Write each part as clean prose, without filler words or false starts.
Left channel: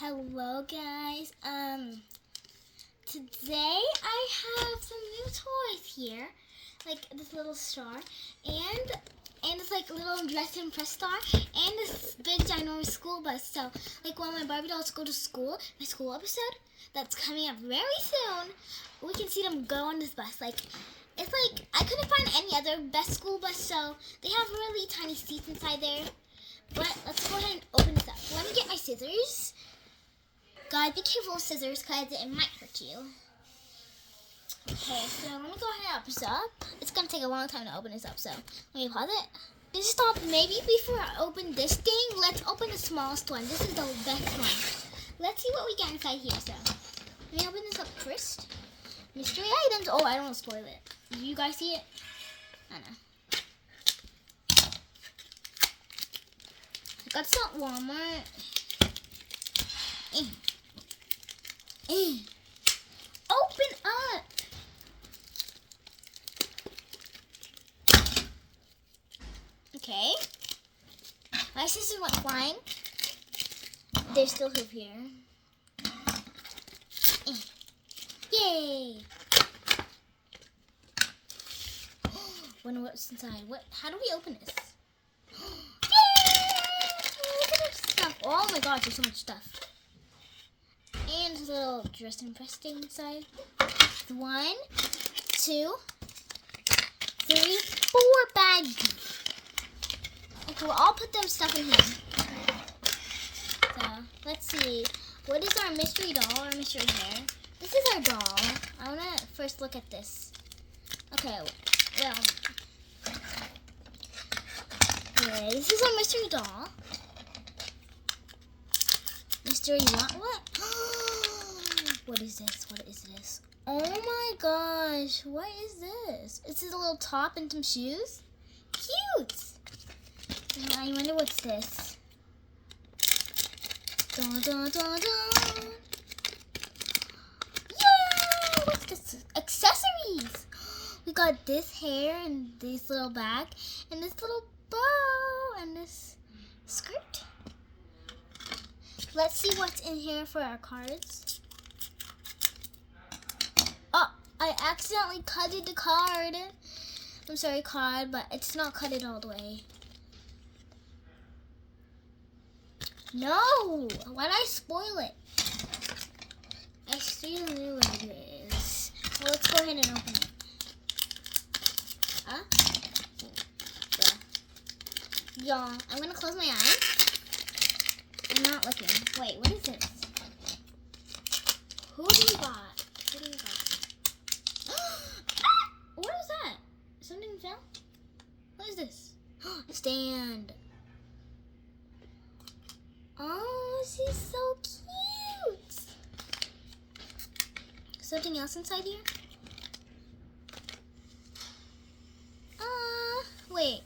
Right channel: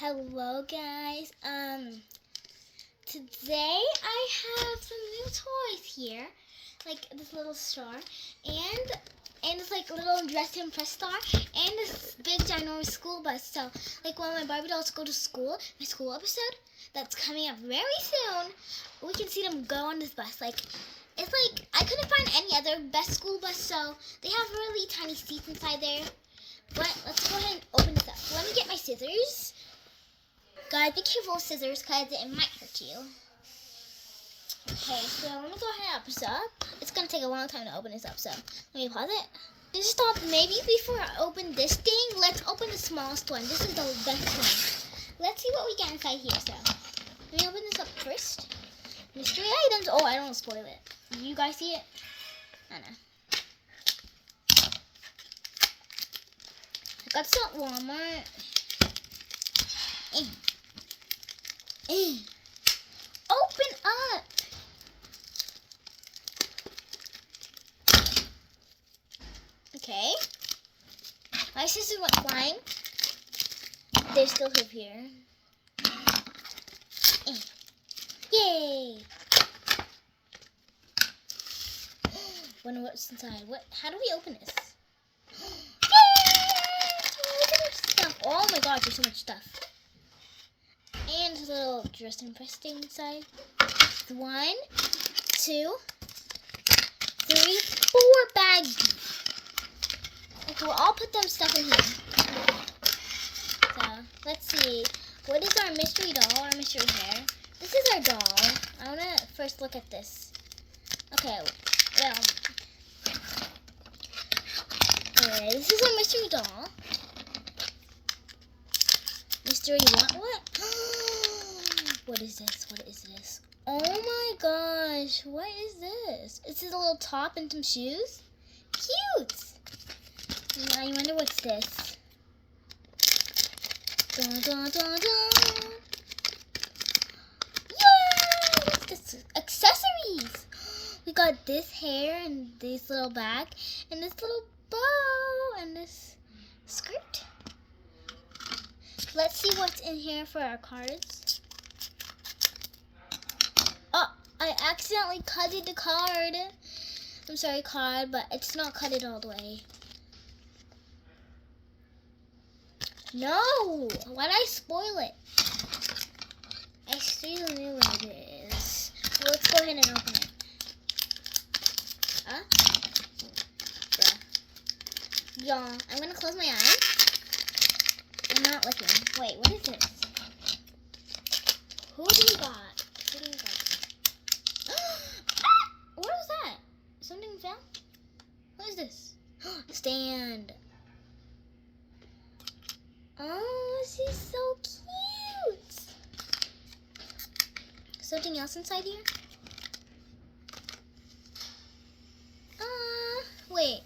Hello guys, today I have some new toys here, like this little star, and this like little dress and press star, and this big ginormous school bus. So like when my Barbie dolls go to school, my school episode, that's coming up very soon, we can see them go on this bus. Like, it's like, I couldn't find any other best school bus, so they have really tiny seats inside there. But let's go ahead and open this up. So let me get my scissors. Guys, be careful with scissors because it might hurt you. Okay, so let me go ahead and open this up. It's going to take a long time to open this up, so let me pause it. Just stop. Maybe before I open this thing, let's open the smallest one. This is the best one. Let's see what we get inside here. So let me open this up first. Mystery items. Oh, I don't want to spoil it. Do you guys see it? I know. I got this at Walmart. Open up. Okay. My scissors went flying. They still live here. Yay! Wonder what's inside. How do we open this? Yay! Look at this stuff. Oh my gosh, there's so much stuff. And there's a little dressing press thing inside. 1, 2, 3, 4 bags. Okay, we'll all put them stuff in here. So, let's see. What is our mystery doll or mystery hair? This is our doll. I want to first look at this. Okay, well. Anyway, this is our mystery doll. Mystery what? What is this? What is this? Oh my gosh, what is this? It's a little top and some shoes? Cute! I wonder what's this. Dun, dun, dun, dun. Yay! What's this? Accessories! We got this hair and this little bag and this little bow and this skirt. Let's see what's in here for our cards. Oh, I accidentally cutted the card. I'm sorry, card, but it's not cut it all the way. No! Why did I spoil it? I still knew what it is. Well, let's go ahead and open it. Huh? Yeah. I'm gonna close my eyes. I'm not looking. Wait, what is this? Who do we got? Who do we got? What was that? Something fell? What is this? Stand. Oh, she's so cute. Something else inside here? Wait.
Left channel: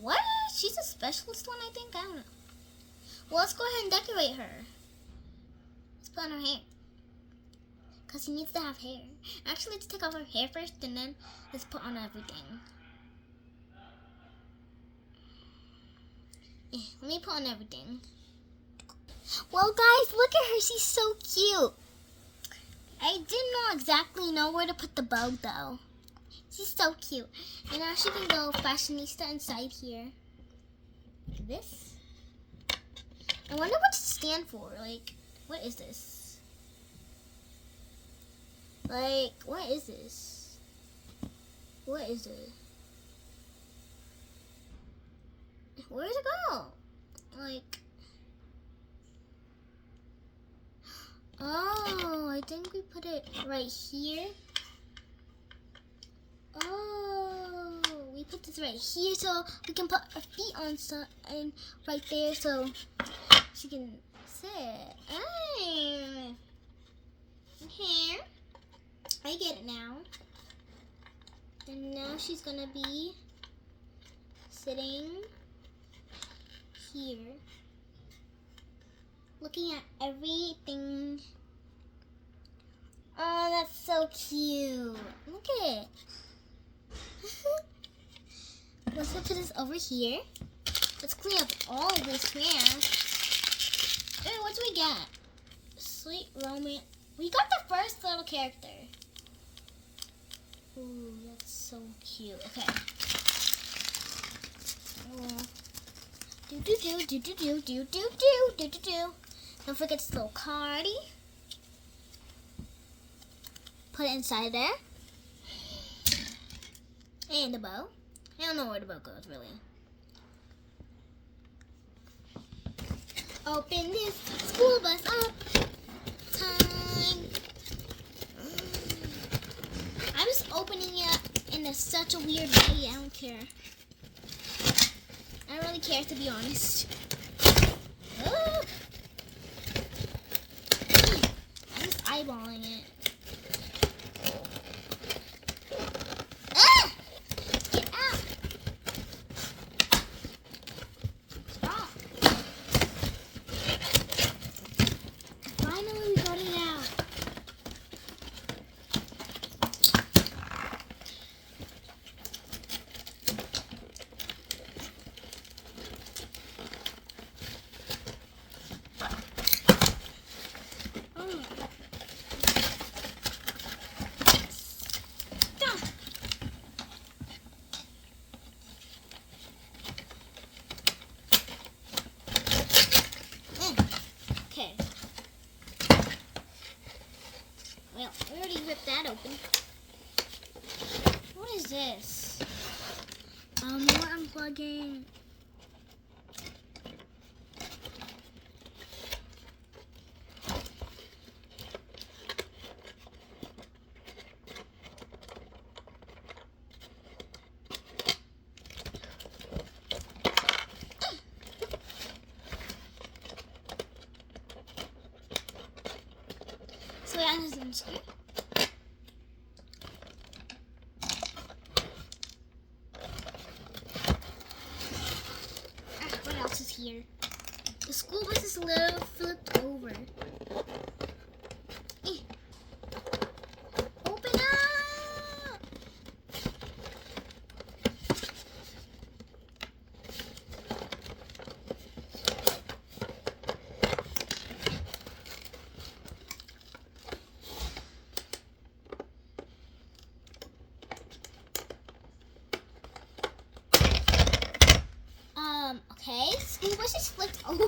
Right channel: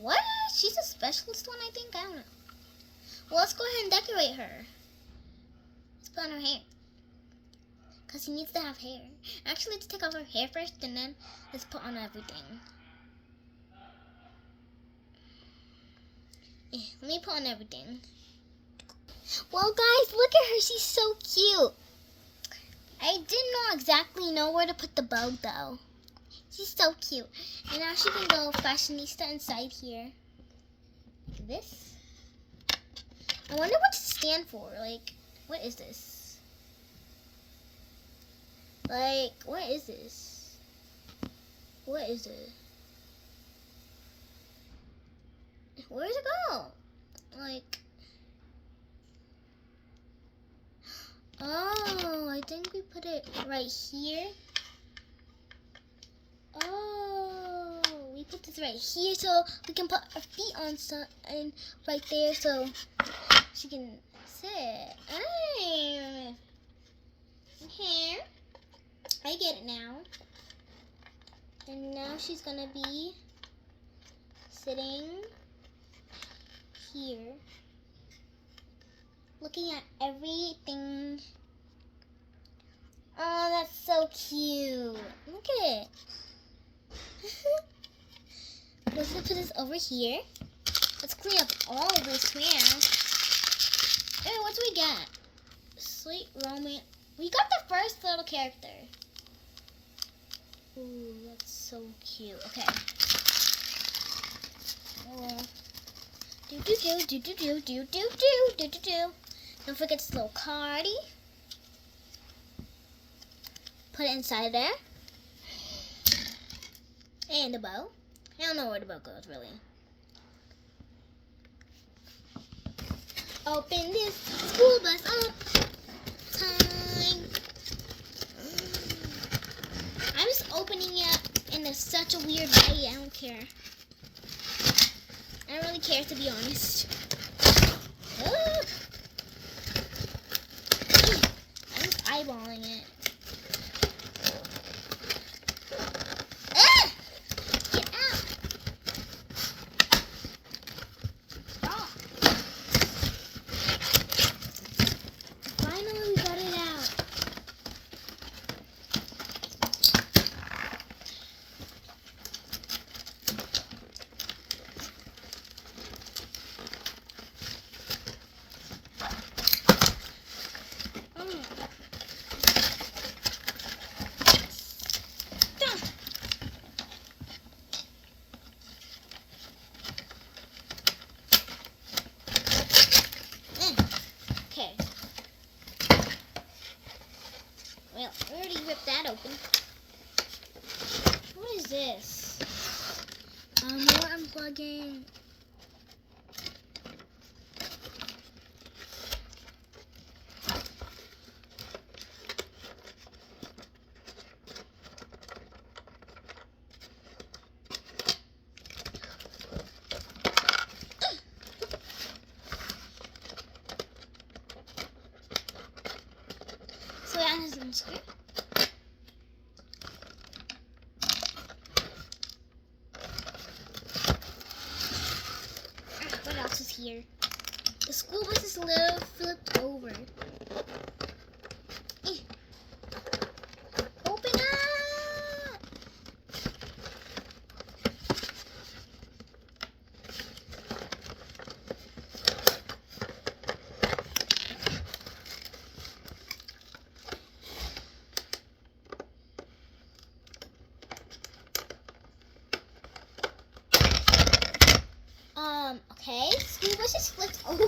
What? She's a specialist one, I think. I don't know. Well, let's go ahead and decorate her. Let's put on her hair. Because she needs to have hair. Actually, let's take off her hair first, and then let's put on everything. Yeah, let me put on everything. Well, guys, look at her. She's so cute. I didn't know exactly where to put the bow, though. She's so cute. And now she can go fashionista inside here. Like this. I wonder what to stand for. Like, what is this? Like, what is this? What is it? Where does it go? Like, oh, I think we put it right here. Oh, we put this right here so we can put our feet on and right there so she can sit. Okay, I get it now. And now she's gonna be sitting here, looking at everything. Oh, that's so cute. Look at it. Let's put this over here. Let's clean up all of this now. Hey, what do we get? Sweet romance. We got the first little character. Ooh, that's so cute. Okay. Do do do do do do do do do do do. Don't forget this little cardy. Put it inside there. And the bow. I don't know where the bow goes, really. Open this school bus up. Time. I'm just opening it in such a weird way. I don't care. I don't really care, to be honest. I'm just eyeballing it. Get out! Stop! Finally, we got it out. Okay. Well, we already ripped that open. What is this? More unplugging. So yeah, this is here. What else is here? The school bus is a little flipped over. Open up! Okay, school bus is flipped over.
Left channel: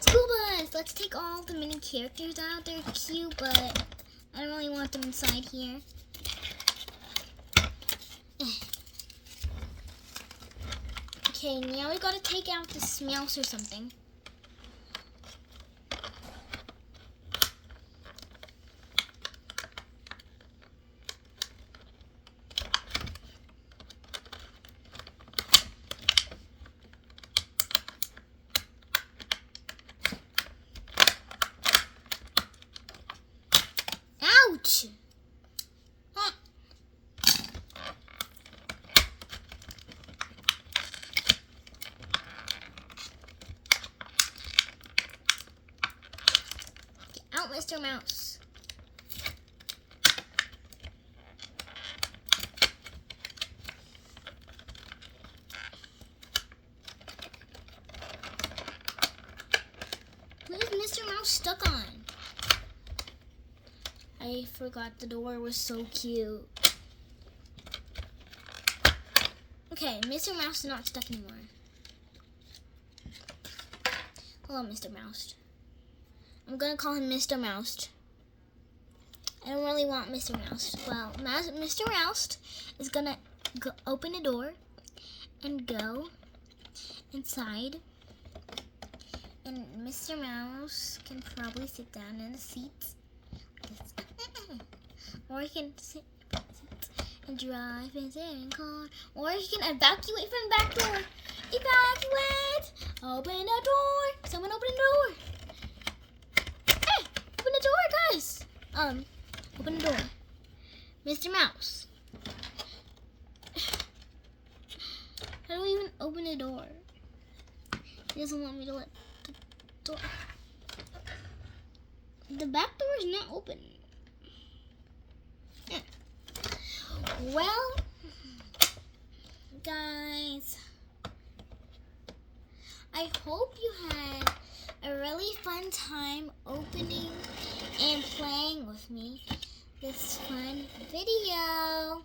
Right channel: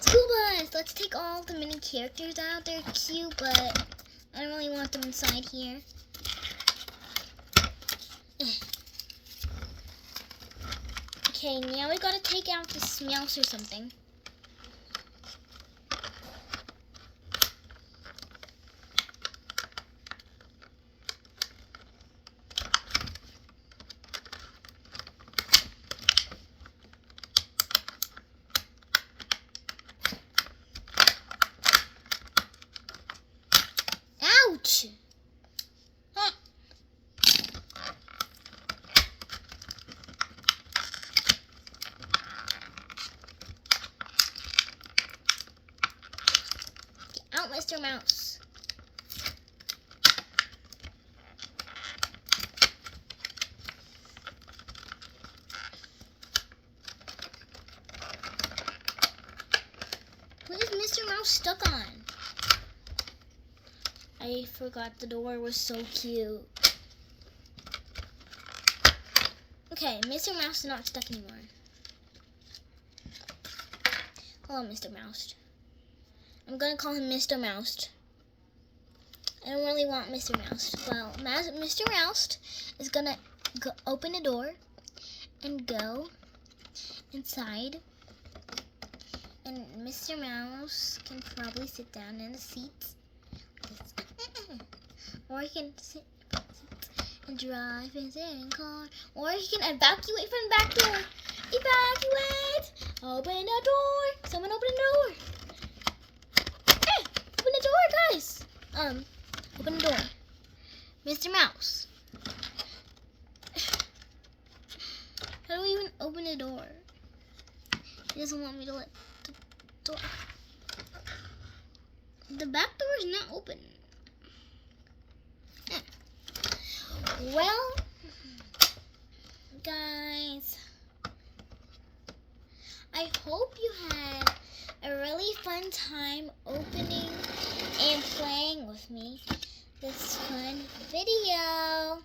School bus, let's take all the mini characters out. They're cute, but I don't really want them inside here. Okay, now we gotta take out this mouse or something. Ouch! Ah. Get out, Mr. Mouse. What is Mr. Mouse stuck on? I forgot the door was so cute. Okay, Mr. Mouse is not stuck anymore. Hello, Mr. Mouse. I'm gonna call him Mr. Mouse. I don't really want Mr. Mouse. Well, Mr. Mouse is gonna open the door and go inside. And Mr. Mouse can probably sit down in the seats. Or he can sit and drive his own car. Or he can evacuate from the back door. Evacuate! Open the door! Someone open the door! Hey! Open the door, guys! Open the door. Mr. Mouse. How do we even open the door? He doesn't want me to let the door. The back door is not open. Well, guys, I hope you had a really fun time opening and playing with me this fun video.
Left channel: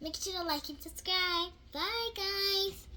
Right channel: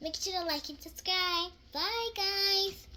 Make sure to like and subscribe. Bye, guys.